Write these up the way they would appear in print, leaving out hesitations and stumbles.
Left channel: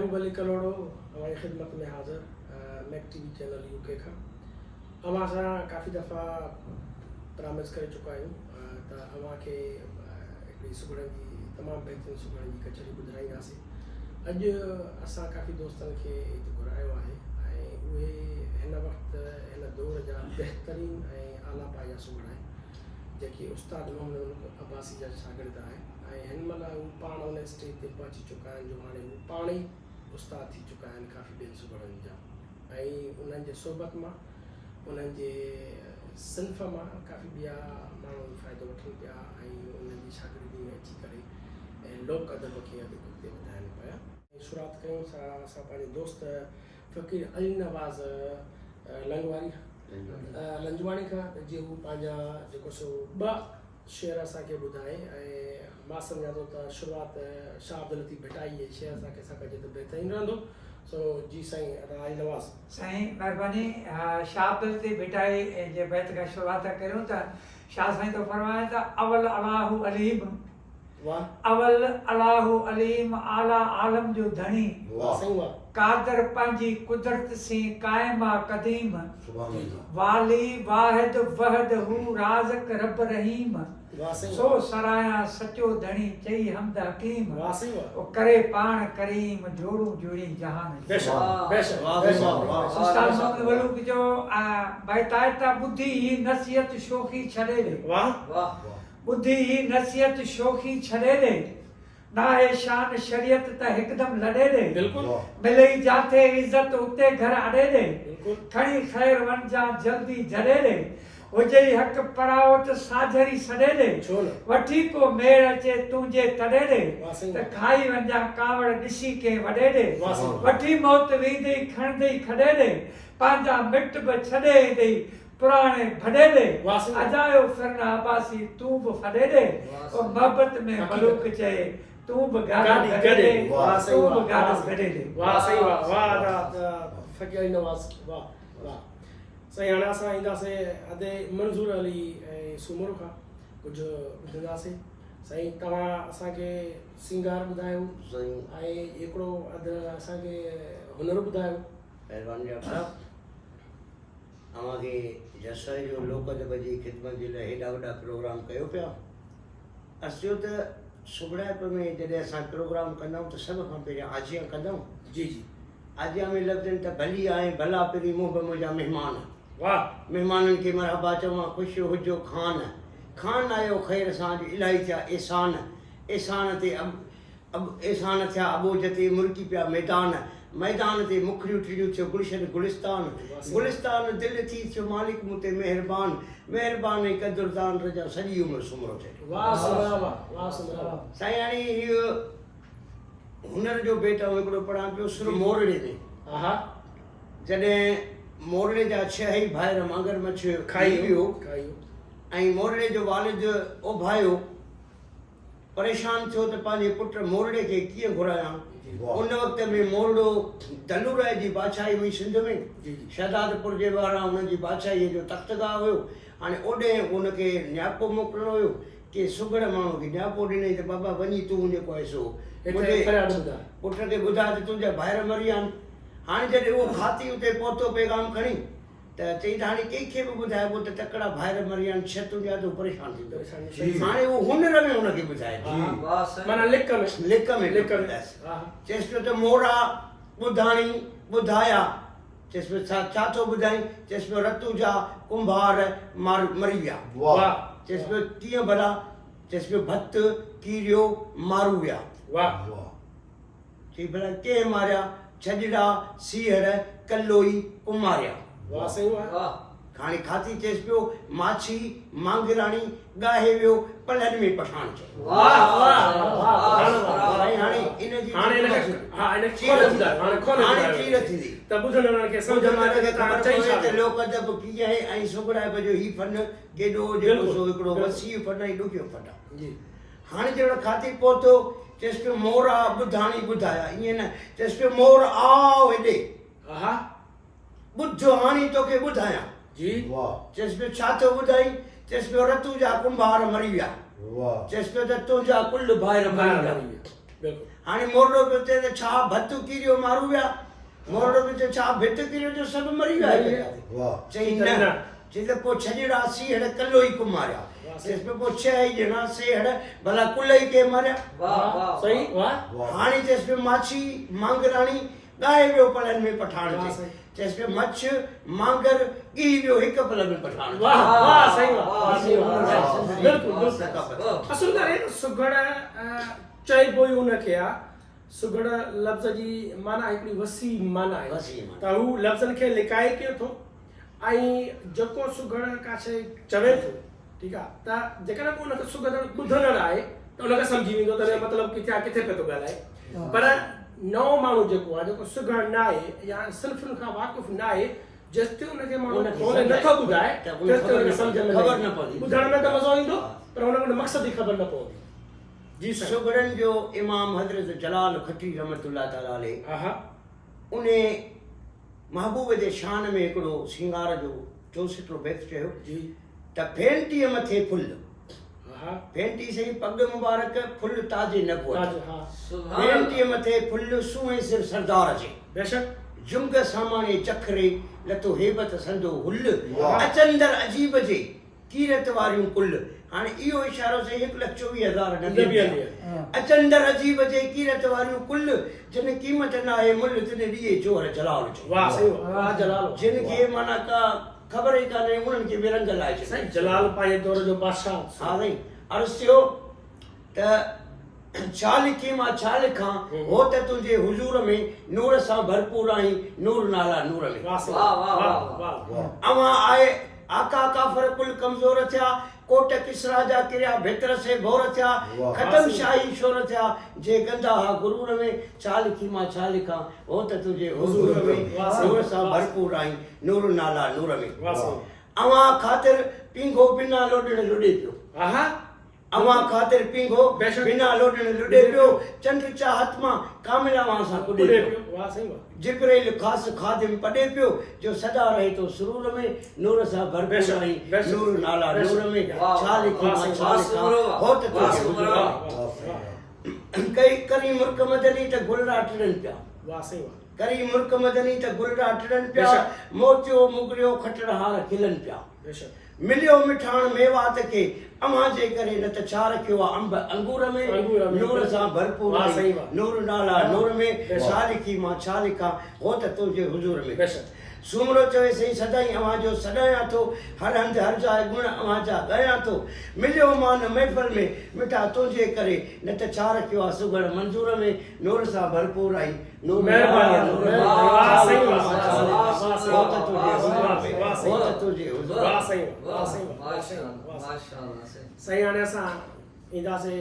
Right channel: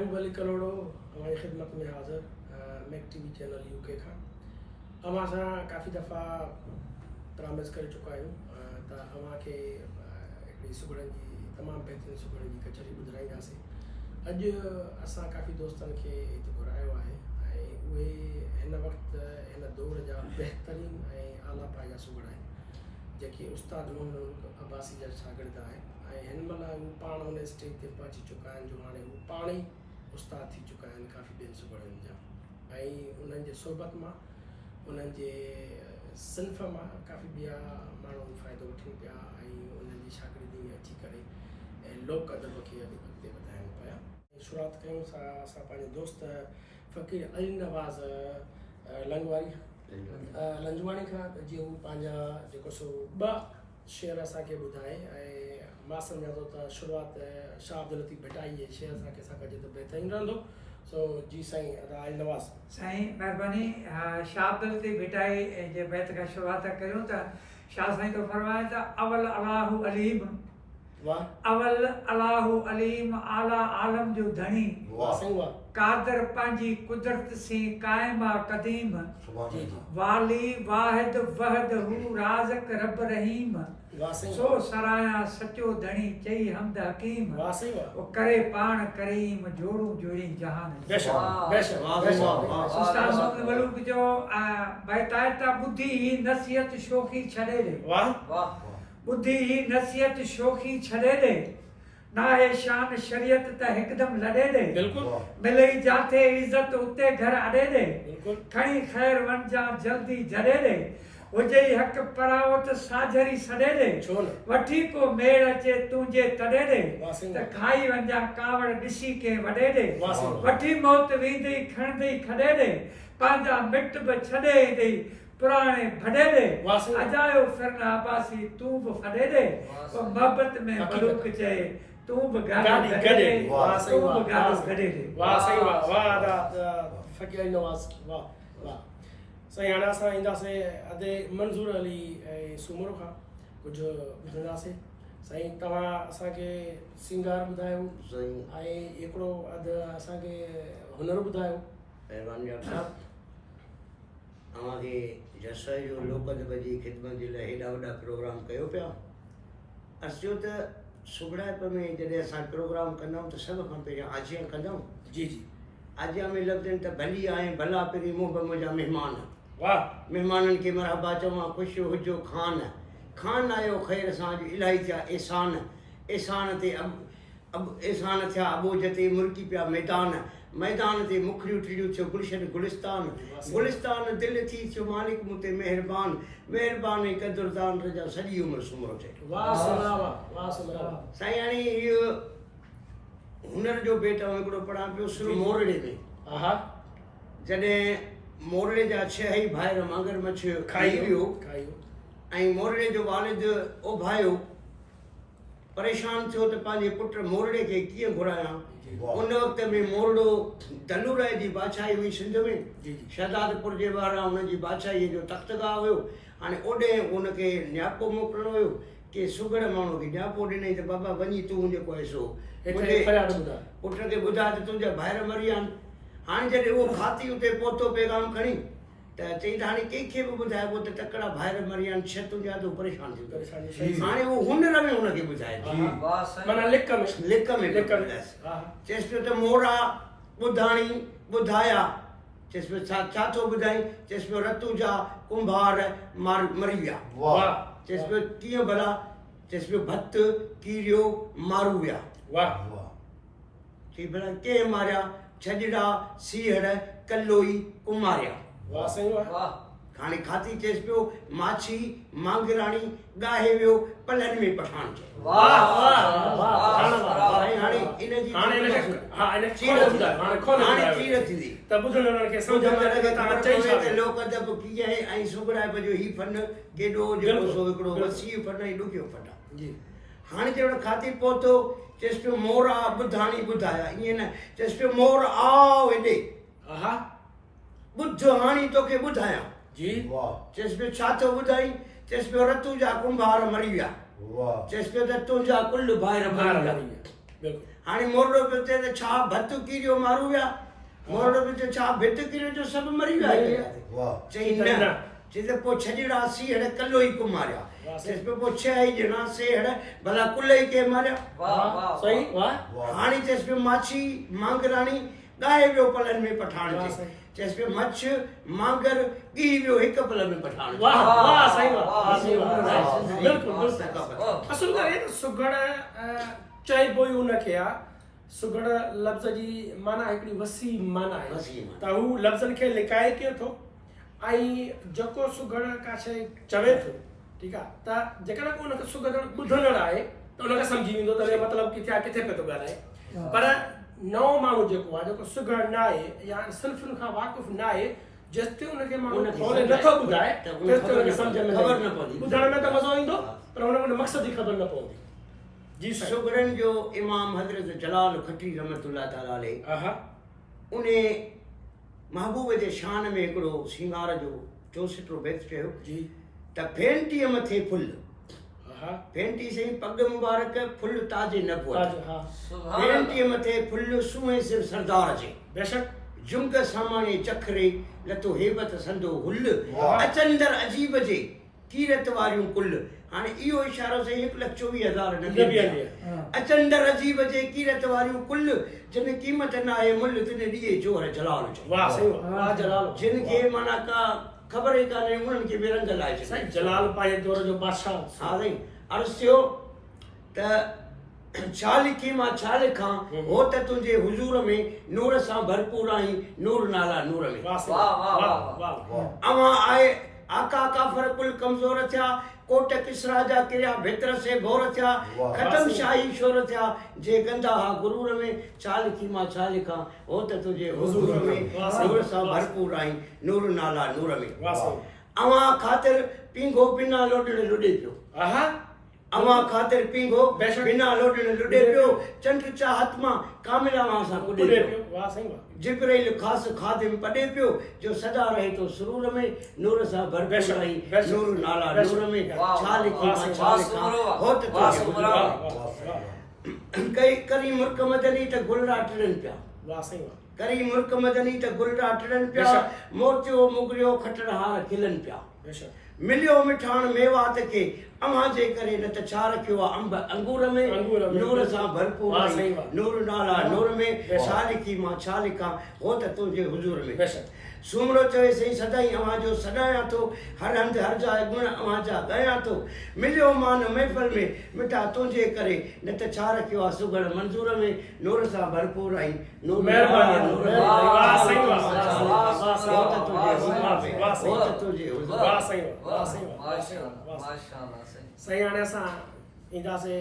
महबूब अली कलोड़ो हमारी खिदमत में हाज़िर मैक टीवी चैनल यूके का अवां सां काफ़ी दफ़ा प्रामिस करे चुका आहियूं त अवां खे हिकिड़ी सुगड़नि जी तमामु बहितरीनु सुगड़नि जी कचरी ॿुधाईंदासीं। अॼु असां काफ़ी दोस्तनि खे हिते घुरायो आहे ऐं उहे हिन वक़्तु हिन दौर जा बहितरीनु ऐं आला पाया सुगड़ आहिनि जेके उस्ताद मोहम्मद अब्बासी जा शागिर्द आहिनि ऐं हिन महिल हू पाण हुन स्टेज ते पहुची चुका आहिनि जो हाणे हू पाण ई उस्ताद थी चुका आहिनि काफ़ी ॿियनि सुगड़नि जा ऐं उन्हनि जे सोबत मां उन्हनि जे सिन्फ़ मां काफ़ी ॿिया माण्हू फ़ाइदो वठनि पिया ऐं उन्हनि जी शागिर्दी में अची करे ऐं लोक अदब खे अॻिते वधाइनि पिया। शुरूआति कयूं असां पंहिंजे दोस्त फ़क़ीर अली नवाज़ लंजवाणी खां जीअं हू पंहिंजा जेको सो ॿ शेर असांखे ॿुधाए ऐं मां सम्झां थो त शुरूआति शाह अब्दुल लतीफ़ भटाई जे शेर असांखे सां कजे त बहितरीनु रहंदो। सो जी साईं अली नवाज़ साईं महिरबानी। शाह अब्दुल लतीफ़ भटाई जे बैत खां शुरूआति कयूं त शाह साईं तो फरमाए त अवल अलाहु अलीम अवल अलाहु अलीम आला आलम जो धनी कादर पंहिंजी कुदरत से कायमा कदीम वाली वाहिद वहद हू राज़क रब रहीम सो सराया सचो धनी चई हमद हकीम ओ करे पाण करीम जोड़ू जोड़ी जहान। उस्ताद मोहम्मद मलूक जो भाई तायता बुद्धि ही नसीहत शोखी छड़े दे बुद्धि ही नसीहत शोखी छड़े दे ना है शान शरीयत त एकदम लड़े दे मिले जाते इज्जत उते घर अड़े दे खणी खैर वंजा जल्दी जड़े दे हुजे हक पराओ त साझरी सड़े दे वठी को मेड़ अचे तुंहिंजे तड़े दे त खाई वंजा कावड़ ॾिसी के वड़े दे वठी मौत वींदई खणंदई खड़े दे पंहिंजा मिट बि छॾे ईंदई पुराणे भॾे दे अजायो फिरना अब्बासी तूं बि फॾे दे ओ मोहब्बत में मलूक चए तूं बि गाड़ी गॾे दे तूं बि गाड़ी गॾे दे। वाह सही वाह वाह फ़क़ीर अली नवाज़ वाह वाह साईं। हाणे असां ईंदासीं अदे मंज़ूर अली ऐं सूमर खां कुझु ॿुधंदासीं। साईं तव्हां असांखे सिंगार ॿुधायो ऐं हिकिड़ो अधु असांखे हुनर ॿुधायो। महिरबानी साहब अवांखे जसाई जो लोक अदब जी ख़िदमत जे लाइ हेॾा वॾा प्रोग्राम कयो पिया। अचो त सुगड़ाइप में जॾहिं असां प्रोग्राम कंदाऊं त सभ खां पहिरियों आजियां कंदाऊं। जी जी आजियां में लफ़्ज़नि त भली आहे भला पहिरीं मुंहुं बि मुंहिंजा महिमान वाह महिमाननि खे मरहबा चवां ख़ुशि हुजो खान खान आयो ख़ैर सां जो इलाही थिया एहसान एहसान ते एहसान थिया अबोज ते मुर्गी पिया मैदान ते मुखड़ियूं टिड़ियूं थियो गुलशन गुलिस्तान दिलि थी थियो मालिक मूं ते महिरबान कदुरदान रजा सॼी उमिरि सुमरो थिए। साईं हाणे इहो हुनर जो बेटा हिकिड़ो पढ़ां पियो सुर मोरड़े में जॾहिं मोरड़े जा 6 ई भाइर मांगर मछ खाई वियो ऐं मोरड़े जो वालिद ओभायो परेशान थियो त पंहिंजे पुट मोरड़े खे कीअं घुरायां। उन वक़्त में मोरड़ो दलूराय जी बादशाही हुई सिंध में शहदादपुर जे वारा हुनजी बादशाहीअ जो तख़्तगाह हुयो। हाणे ओॾे उनखे न्यापो मोकिलिणो हुयो कि सुगड़ माण्हू खे न्यापो ॾिनई त बाबा वञी तूं जेको आहे सो पुट खे ॿुधाए त तुंहिंजा भाइर मरी विया आहिनि। हाणे जॾहिं उहो खाती उते पहुतो पैगाम खणी त चई त हाणे कंहिंखे बि ॿुधाइबो त तकड़ा भाइर मरी विया आहिनि छह तुंहिंजा तो परेशान थींदो। हाणे उहो हुनर में हुनखे ॿुधाए माना लिक में चएसि पियो त मोरा ॿुधाणी ॿुधाया चएसि पियो छा थो ॿुधाई चएसि पियो रतू जा कुंभार मरी विया चएसि पियो कीअं भला चएसि पियो भत कीरियो मारू विया चई भला कंहिं मारिया छॼड़ा सीहर कलोई कुमारिया हाणे खाती चएसि पियो माछी मांगराणी गाहे वियो पलनि में पठान चयो। लोक अदब कीअं आहे ऐं सुगड़ाइप जो ही फन केॾो जेको सो हिकिड़ो वसी फन ऐं ॾुखियो फन आहे। हाणे जहिड़ो खाती पहुतो चएसि पियो मोर आ ॿुधाणी ॿुधाया ईअं न चएसि पियो मोर आओ हेॾे ॿुध हाणी तोखे ॿुधायां चएसि पियो छा थो ॿुधाई चएसि पियो रतू जा कुंभार मरी विया चएसि पियो त तुंहिंजा कुल भाइर मरी विया। हाणे मोरडो पियो थिए त छा भत कीरियो मारू विया मोरडो पियो थिए छा भित कीरियो जो सभु मरी विया चई न चई त पोइ छॾिड़ा सीहड़ कल्लो ई कुमारिया चइसि पियो पोइ 6 ई ॼणा सेहड़ भला कुल ई के मारिया सही वाह हाणे चइसि पियो माछी मांगराणी ॻाए वियो पलनि में पठाण ते चइसि पियो मछ मांगर ॻी वियो हिकु पल में पठाण वाह वाह सही वाह सही वाह बिल्कुलु बिल्कुलु असुल करे त सुगड़ चइबो ई उनखे आहे सुगड़ लफ़्ज़ जी माना हिकिड़ी वसी माना आहे त हू लफ़्ज़नि खे लिकाए कयो थो ऐं जेको सुगड़ का शइ चवे थो ठीकु आहे त जेकॾहिं को उनखे सुगड़ ॿुधंदड़ आहे त उनखे सम्झी वेंदो त मतिलबु किथे पियो थो ॻाल्हाए पर नओं माण्हू जेको आहे जेको सुगड़ न आहे या सिन्फ़ुनि खां वाक़ुफ़ न आहे जेसिताईं उनखे माण्हू खोले नथो ॿुधाए तेसिताईं उनखे सम्झ में ख़बर न पवंदी ॿुधण में त मज़ो ईंदो पर उनखे मक़सद ई ख़बर न पवंदी जी साईं सुगड़नि जो इमाम हज़रत जलाल खटी रहमतुल्लाह ताला अलैहि उन महबूब जे शान में हिकिड़ो श्रंगार जो 64 बैत चयो जी त फेंटीअ मथे फुल फेंटी सही पग मुबारक फुल ताजे नबुवत फेंटीअ मथे फुल सुए सिर सरदार जे बेशक जुंग सामाने चखरे लतो हेबत संदो हुल अचंदर अजीब जे कीरत वारियूं कुल हाणे इहो इशारो से 1,24,000 नबी अचंदर अजीब जे कीरत वारियूं कुल जिन क़ीमत न आहे मुल तिन ॾिए जोहर जलाल वाह सही वाह जलाल जिन खे माना का ख़बर ई कान्हे उन्हनि खे बेरंग लाइ साईं जलाल पंहिंजे दौर जो बादशाह हा साईं अर्ज़ु थियो त छा लिखी मां छा लिखां हो त तुंहिंजे हुजूर में नूर सां भरपूर आहीं नूर नाला नूर में वाह वाह वाह अवां आए आका काफ़र कुल कमज़ोर थिया कोट किसरा जा किरिया भितर से घोर थिया खतम शाही शोर थिया जे गंदा हा गुरूर में छा लिखी मां छा लिखां हो त तुंहिंजे हुजूर में नूर सां भरपूर आहीं नूर नाला नूर में अवां ख़ातिर पींघो बिना लोॾण लुॾे पियो अवां ख़ातिर पींघो बिना लोॾण लुॾे पियो चंड चाहत मां कामिला मां सां कुॾे पियो वाह सही वाह जिब्राइल ख़ास खादिम पढ़े पियो जो सदा रहे तो सुरूर में नूर सां भरपूर आई नूर नाला नूर में छा लिखी मां छा लिखां हो त कई करी मुल्क मदनी त गुलड़ा टिड़न पिया वाह सही वाह करी मुल्क मदनी त गुलड़ा टिड़न पिया मोतियो मुगरियो खटड़हार खिलन पिया बेशक मिलियो मिठाण मेवात के अवां जे करे न त छा रखियो आहे अंब अंगूर में नूर सां भरपूर आई नूर नाला नूर में छा लिखी मां छा लिखां हो त तुंहिंजे हुजूर में बेशक सुमरो चवे सही सदाई अवां जो सॾायां थो हर हंध हर जाइ गुण अवां जा ॻायां थो मिलियो मान महफ़िल में मिठा तुंहिंजे करे न त छा रखियो आहे सुगड़ मंज़ूर में नूर सां भरपूर आई नूर महिरबानी वाह सही वाह सही हाणे असां ईंदासीं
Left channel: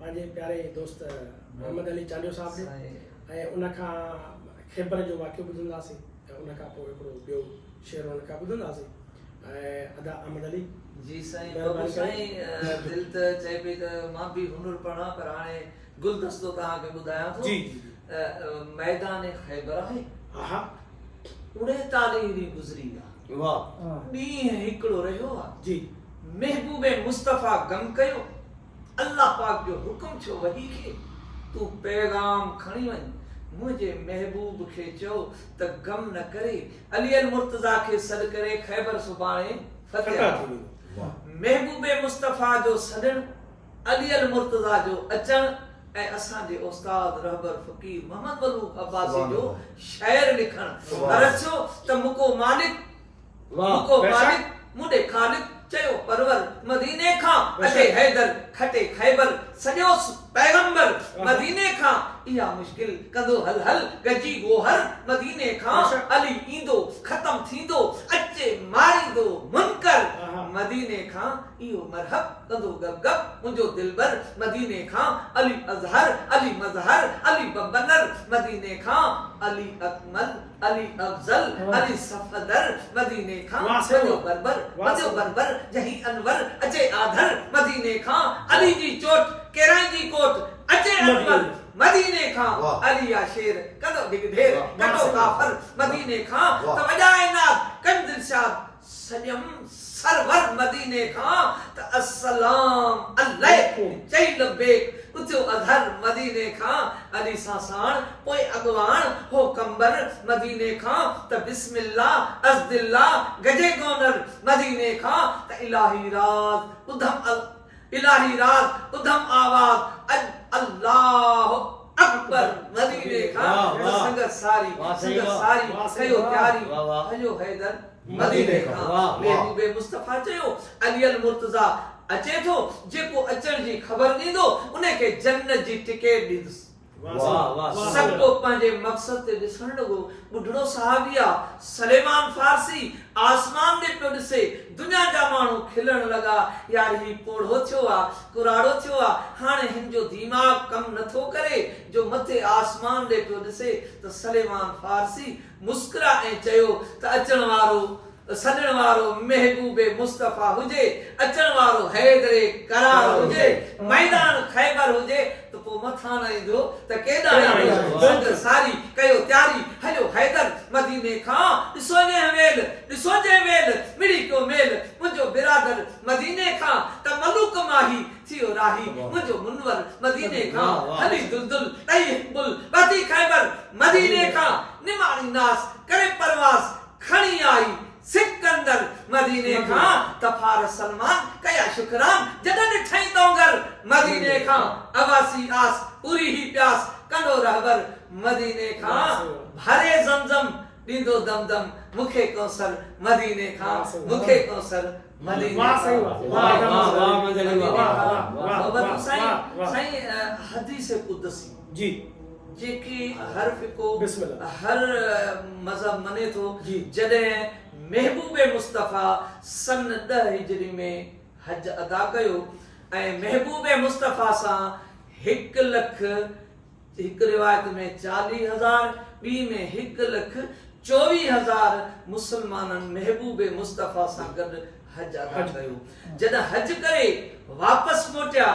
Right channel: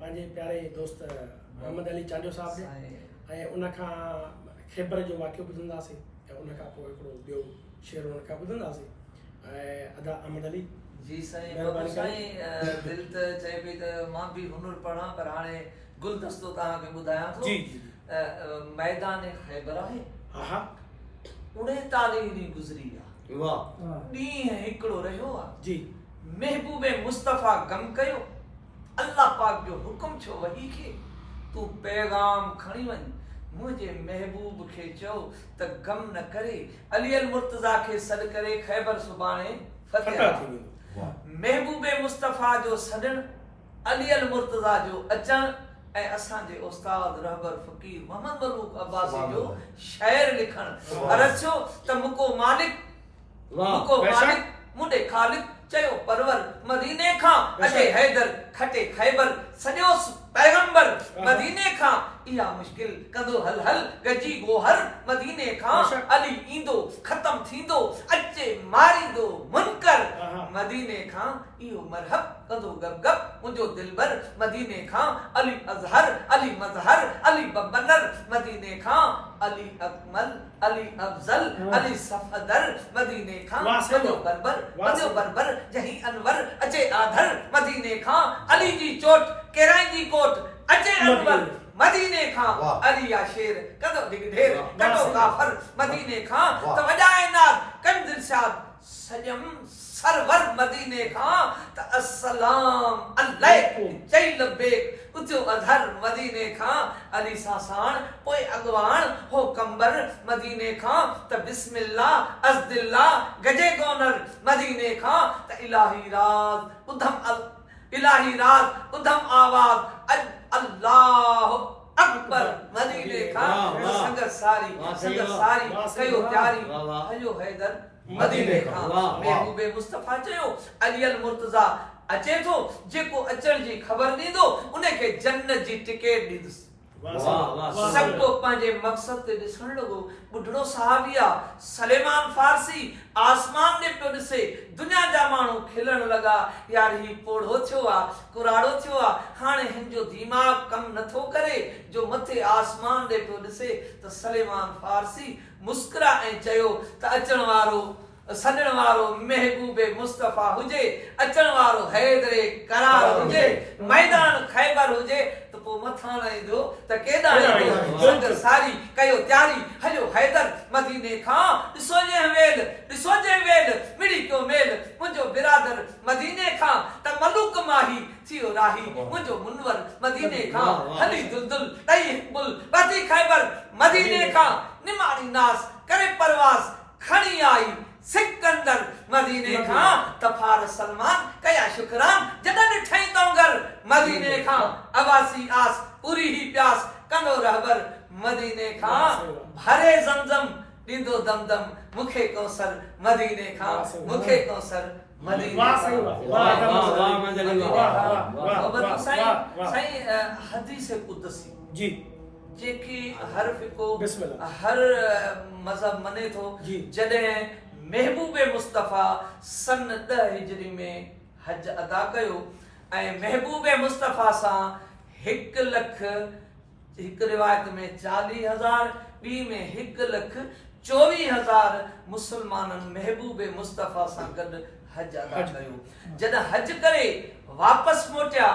पंहिंजे प्यारे दोस्त मोहम्मद अली चांडियो साहब ॾे ऐं उनखां ख़ैबर जो वाक़ियो ॿुधंदासीं ऐं उनखां पोइ हिकिड़ो ॿियो शेर उनखां ॿुधंदासीं ऐं अदा अहमद अली जी साईं बाबू साईं दिलि त चए पई त मां बि हुनुर पढ़ां पर हाणे गुलदस्तो तव्हांखे ॿुधायां थो जी मैदान ख़ैबर आहे 39 ॾींहं गुज़री विया वाह ॾींहुं हिकिड़ो रहियो आहे जी महबूबे मुस्तफ़ा गम कयो अल्लाह पाक जो हुकुम छो वही खे तूं पैगाम खणी वञ मुझे महबूब खे चओ त गम न करे अली अल मुर्तज़ा खे सॾ करे ख़ैबर सुभाणे फतह थींदो महबूबे मुस्तफ़ा जो सॾण अली अल मुर्तज़ा जो अचण ऐं असांजे उस्ताद रहबर फ़कीर मोहम्मद मलूक अब्बासी जो शाइर लिखण अरचो त मुको मालिक मुडे खालिक चयो परवर मदीने खां अचे हैदर खटे खैबर सॼोस पैगंबर मदीने खां इहा मुश्किल कंदो हल हल गजी गोहर मदीने खां अली ईंदो खत्म थींदो अचे मारींदो मुनकर मदीने खां इहो मरहब कंदो गप गप मुंहिंजो दिलबर मदीने खां अली अज़हर अली मज़हर अली बबनर मदीने खां अली अकमल अली अफजल अली सफदर मदीने खां वजो बरबर जही अनवर अचे आधर मदीने खां अली जी चोट केराई जी कोट अचे अनवर मदीने खां वाह। अली या शेर कदो दिग ढेर वाह, कदो सही। काफर मदीने खां वाह। त वजाए नाद कम दिलशाद सजम सरवर मदीने खां त अस्सलाम अलैकुम चई लबेक उथो अजहर मदीने खां अली सासाण पोइ अगवाण हो कंबर मदीने खां त बिस्मिल्लाह अज़दिल्लाह गजे गोनर मदीने खां त इलाही राज उधम आवाज अल्लाह अकबर मदीने खां वाह, वाह। संगत सारी वाह, सही संगत वाह। सारी वाह, सही कयो वाह। त्यारी वाह, वाह। हयो हैदर मदीने मदीने खां। खां वाह, महबूबे मुस्तफा चयो अली अल मुर्तजा अचे थो जेको अचण जी ख़बर ॾींदो उनखे जन्नत जी टिकट ॾींदुसि वाह, वाह, वाह, वाह, सही। सबको पंहिंजे मक़सद ते ॾिसण लॻो ॿुढड़ो सहाबिया सलेमान फारसी आसमान ॾे पियो ॾिसे दुनिया जा माण्हू खिलण लॻा यार ही पोढ़ो थियो आहे कुराड़ो थियो आहे हाणे हिन जो दिमाग़ कमु नथो करे जो मथे आसमान ॾे पियो ॾिसे त सलेमान फारसी मुस्कुरा ऐं चयो त अचण वारो सॾण वारो महबूबे मुस्तफा हुजे अचण वारो हैदरे करार हुजे मैदान खैबर हुजे त पोइ मथां न ईंदो त केॾां ईंदो संगत सारी कयो त्यारी हलियो हैदर मदीने खां ॾिसो जे वेल मिड़ी कयो मेल मुंहिंजो बिरादर मदीने खां त मलूक माही थियो राही मुंहिंजो मुनवर मदीने खां हली दुलदुल ॾई हिकबुल वधी खैबर मदीने खां निमाणी नास करे परवास खणी आई सिकंदर मदीने खां तफार सलमान कया शुक्रान जॾहिं ॾिठई तोंगर मदीने खां अवासी आस पूरी ही प्यास कंदो रहबर मदीने खां भरे ज़मज़म ॾींदो दमदम मूंखे कौसर मदीने खां मूंखे कौसर मदीने वाह, सही वाह। वाह, वाह, वाह, मदनी वाह, वाह, वाह, वाह, साईं वाह। साईं हदीस कुदसी जी जेकी हर फिको बिस्मिल्लाह। हर मज़हब मने थो जी। जॾहिं महबूबे मुस्तफा सन 10 हिजरी में हज अदा कयो ऐं महबूबे मुस्तफा सां 1 लख हिकु रिवायत में 40,000 ॿी में 1,24,000 मुसलमाननि महबूबे मुस्तफा सां गॾु हज अदा कयो जॾहिं हज करे वापस मोटिया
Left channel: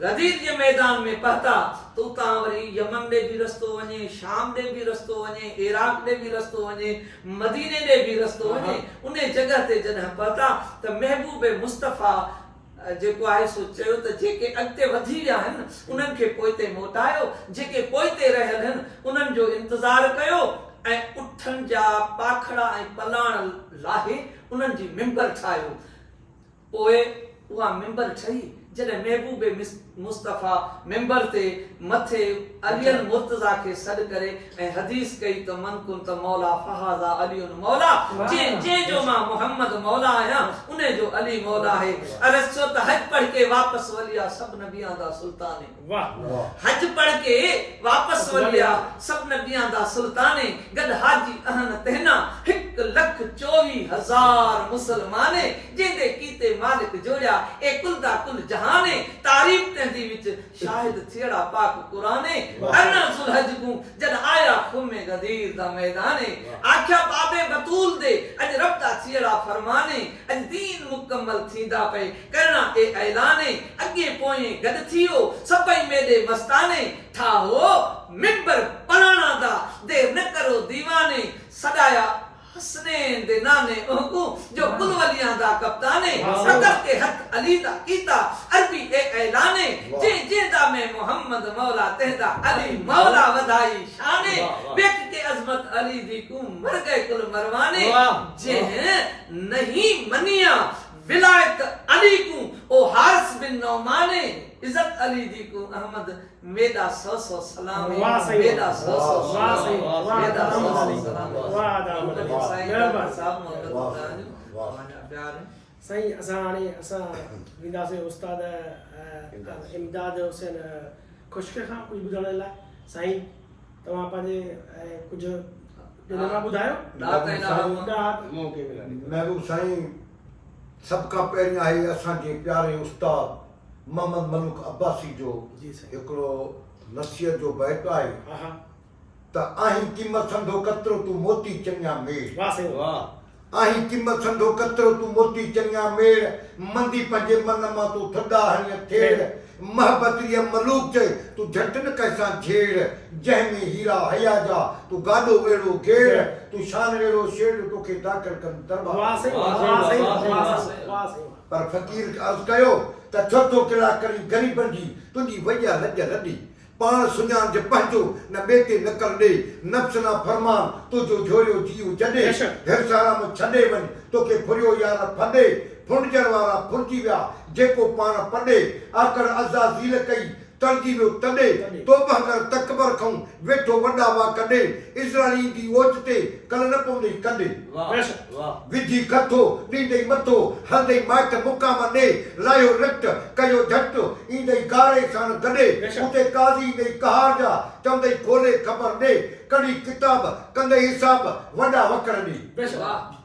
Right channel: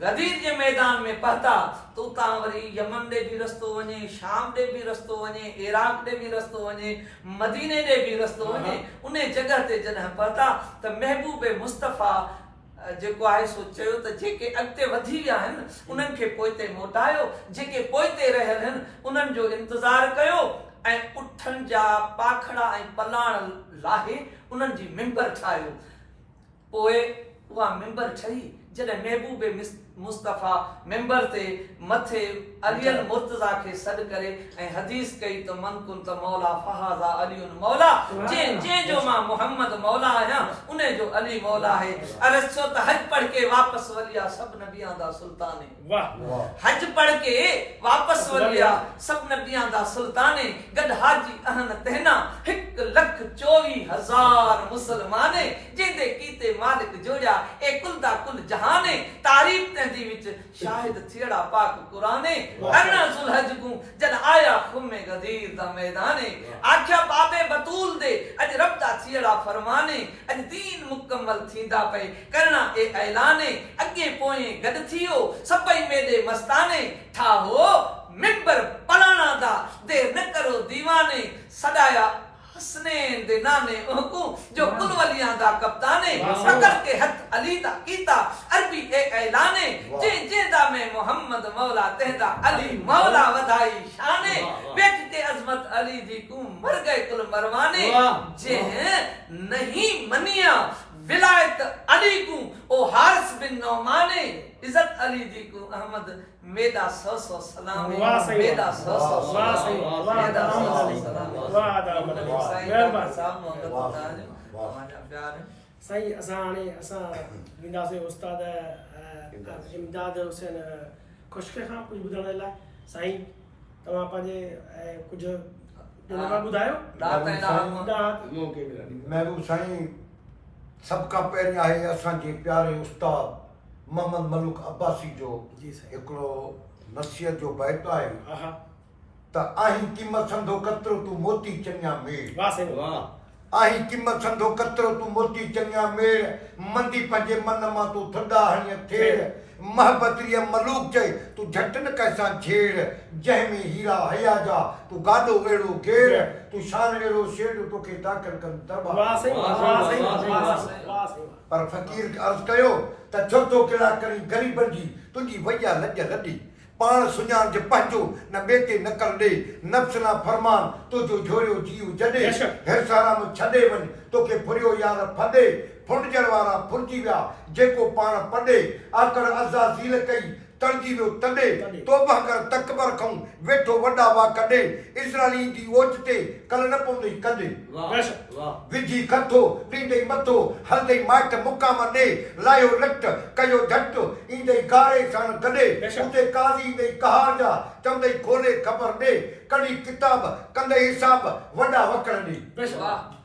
गदीर जे मैदान में पहुता तो उतां वरी यमन ॾे बि रस्तो वञे शाम ॾे बि रस्तो वञे इराक ॾे बि रस्तो वञे मदीने ॾे बि रस्तो वञे उन जगह ते जॾहिं पहुता त महबूबे मुस्तफा जेको आहे सो चयो त जेके अॻिते वधी विया आहिनि उन्हनि खे पोइते मोटायो जेके पोइते रहियल आहिनि उन्हनि जो इंतज़ार कयो ऐं उठनि जा पाखड़ा ऐं पलाण लाहे उन्हनि जी मिंबर ठाहियो पोइ उहा मिंबर ठही जॾहिं महबूबे मुस्तफा मिंबर ते मथे अलियल मुर्तज़ा खे सॾ करे ऐं हदीस कई त मन कुन त मौला फहाज़ा अलीउन मौला जे जो मां मोहम्मद मौला आहियां उन जो अली मौला है अरस छो त हज पढ़ के वापस वलिया सब नबियां दा सुल्तान वाह हज पढ़ के वापस वलिया सब नबियां दा सुल्तान गड हाजी अहन तहना 1,24,000 मुसलमाने जेंदे कीते मालिक जोड़ा ए कुल दा कुल जहाने तारीफ तंदी विच शाहिद थियड़ा पाक कुराने अरना जुलहज को जद आया खुमे गदीर दा मैदाने आख्या बाबे बतूल दे अज रब दा थियड़ा फरमाने अज दीन मुकम्मल थींदा पे करना ए ऐलाने अगे पोए गद थियो सबई मेदे मस्ताने ठाहो मिंबर पलाना दा देर न करो दीवाने सदाया हसनैन दे नाने ओहकू जो कुल वलियां दा कप्ताने सदर के हथ अली दा कीता अरबी ए ऐलाने जे जे दा में मोहम्मद मौला तेदा अली मौला वधाई शाने बेक के अजमत अली दी को मर गए कुल मरवाने जे नहीं मनिया विलायत अली को ओ हारिस बिन नौमाने इज्जत अली दी को अहमद मेदा 100 सलाम मेदा 100 वाह सही वाह मेदा अहमद 100 अली सलाम वाह अहमद अली मेहरबानी साहब मोहम्मद वाह, ताज वाह। वाना प्यार साईं असां हाणे असां वेंदासीं उस्ताद इमदाद हुसैन खुशके खां कुझु ॿुधण लाइ साईं तव्हां पंहिंजे कुझु दिलमा ॿुधायो मौके मिलंदी महबूब साईं सब का पहिरियां आहे असांजे प्यारे उस्ताद मोहम्मद मलूक अब्बासी जो जी साईं हिकिड़ो नसीहत जो बैत आहे हा हा त आहीं क़ीमत संदो कतरो तूं मोती चङा में वाह साईं वाह आही कीमत संदो कतरो तू मोती चंगिया मेड़ मंदी पंजे मन मां तू थदा हणिय थेड़ महबती मलूक चे तू झट न कैसा झेड़ जंहिंमें हीरा हया जा तू गादो वेड़ो घेड़ तू शान वेड़ो शेड़ तोखे ताकत कर दरबार वाह सही वाह सही वाह सही पर फकीर खे अर्ज़ कयो त छो थो किला करी ग़रीबनि जी तुंहिंजी वैया लॼ लॾी पाण सुञाण जे पंहिंजो न ॿिए ते न कर ॾे नफ़्स ना फरमान तुंहिंजो झोरियो जीव जॾे हिरसाराम छॾे वञ तोखे फुरियो यार फॾे फुंडजण वारा फुरजी विया जेको पाण पॾे आकड़ अज़ाज़ील कई तड़जी वियो तॾे तोबा कर तकबर खां वेठो वॾा वा कॾे इज़राइली जी ओच ते कल न पवंदई कॾे विझी कथो ॾींदई मथो हलंदई माइट मुकाम ॾे लायो लट कयो झट ईंदई गारे साण गॾे उते काज़ी ईंदई कहार जा चवंदई खोले ख़बर ॾे कड़ी किताब कंदई हिसाब वॾा वकड़ ॾे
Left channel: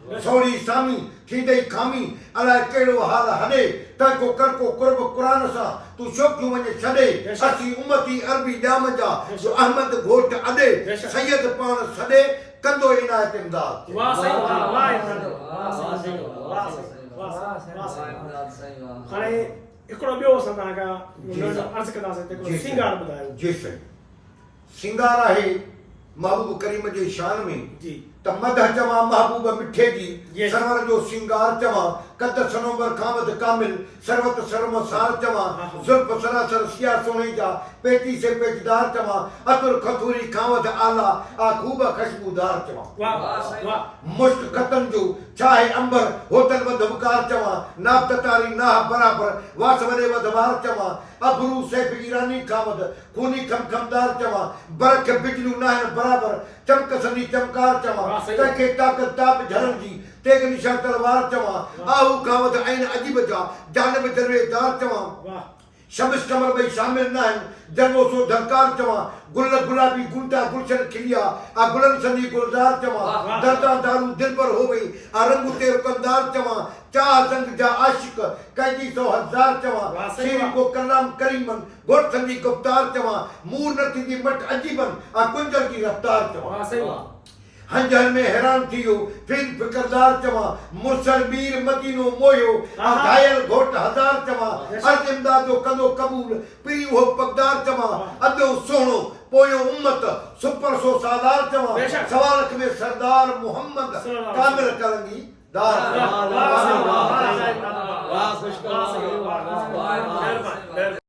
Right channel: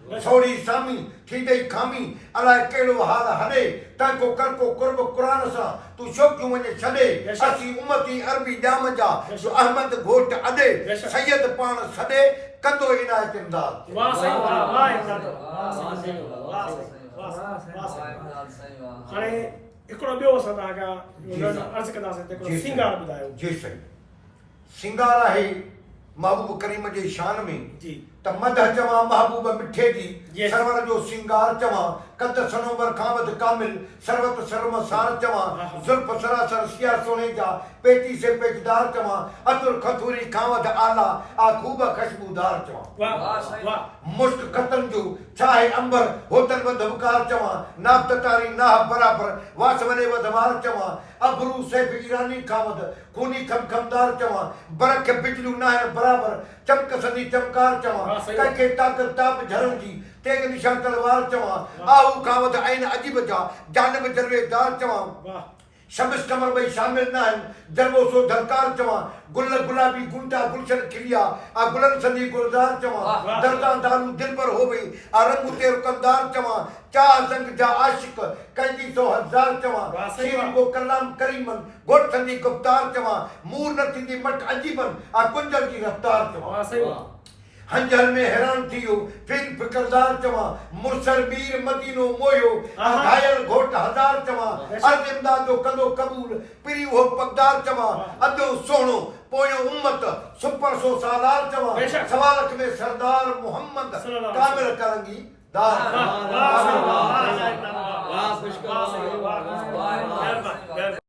छोड़ी सामी थींदई खामी अलाए कहिड़ो हाल हॾे तको करको कुर्ब क़ुरान सां तू शोकियूं वञे छॾे असीं उमती अरबी ॼाम जा जो अहमद घोट अॾे सैयद पाण सॾे कंदो इनायत इमदाद वाह सही वाह इमदाद वाह सही वाह सही हाणे हिकिड़ो ॿियो असां तव्हांखां अर्ज़ु कंदासीं त हिकिड़ो सिंगार ॿुधायो जी सही सिंगार आहे महबूब करीम जे शान में जी त मदह चवां महबूब मिठे जी सरवर जो सिंगार चवां कद सनोबर खां वध कामिल सरवत सरम सार चवां जुल्फ सरासर सिया सोने जा पेटी से पेचदार चवां अतुर खथूरी खां वध आला आ खूब खुशबूदार चवां वाह वाह मुश्क खतन जो चाहे अंबर होतन वध उपकार चवां नाफ ततारी नाह बराबर वास वने वधवार चवां अबरू सैफ ईरानी खां वध खूनी खमखमदार चवां बरख बिजलू नाहन बराबर चमक सदी चमकार चवां कंहिंखे ताकत ताप झरण जी तेग निशान तलवार चवां आहू खां वध आइन अजीब जा जानब जलवेदार चवां शमस कमर भई शामिल न आहिनि जरबो सो धरकार चवां गुल गुलाबी गुंटा गुलशन खिलिया आ गुलन सदी गुलजार चवां दर्दा दारू दिल पर हो वई आ रंग ते रुकंदार चवां चाह जंग जा आशिक कैदी सो हजार चवां शीर को कलाम करीमन गोट सदी गुफ्तार चवां मूर न थींदी मट अजीबन आ कुंजल की रफ्तार चवां हंजर में हैरान थियो फिर फिक्रदार चवां मुरसल मीर मदीनो मोयो घायल घोट हजार चवां अर्ज इमदादो कंदो कबूल पिरी हो पगदार चवां अदो सोणो पोयो उम्मत सुपर सो सालार चवां सवालक में सरदार मोहम्मद कामिल करंगी दार वाह वाह वाह वाह वाह वाह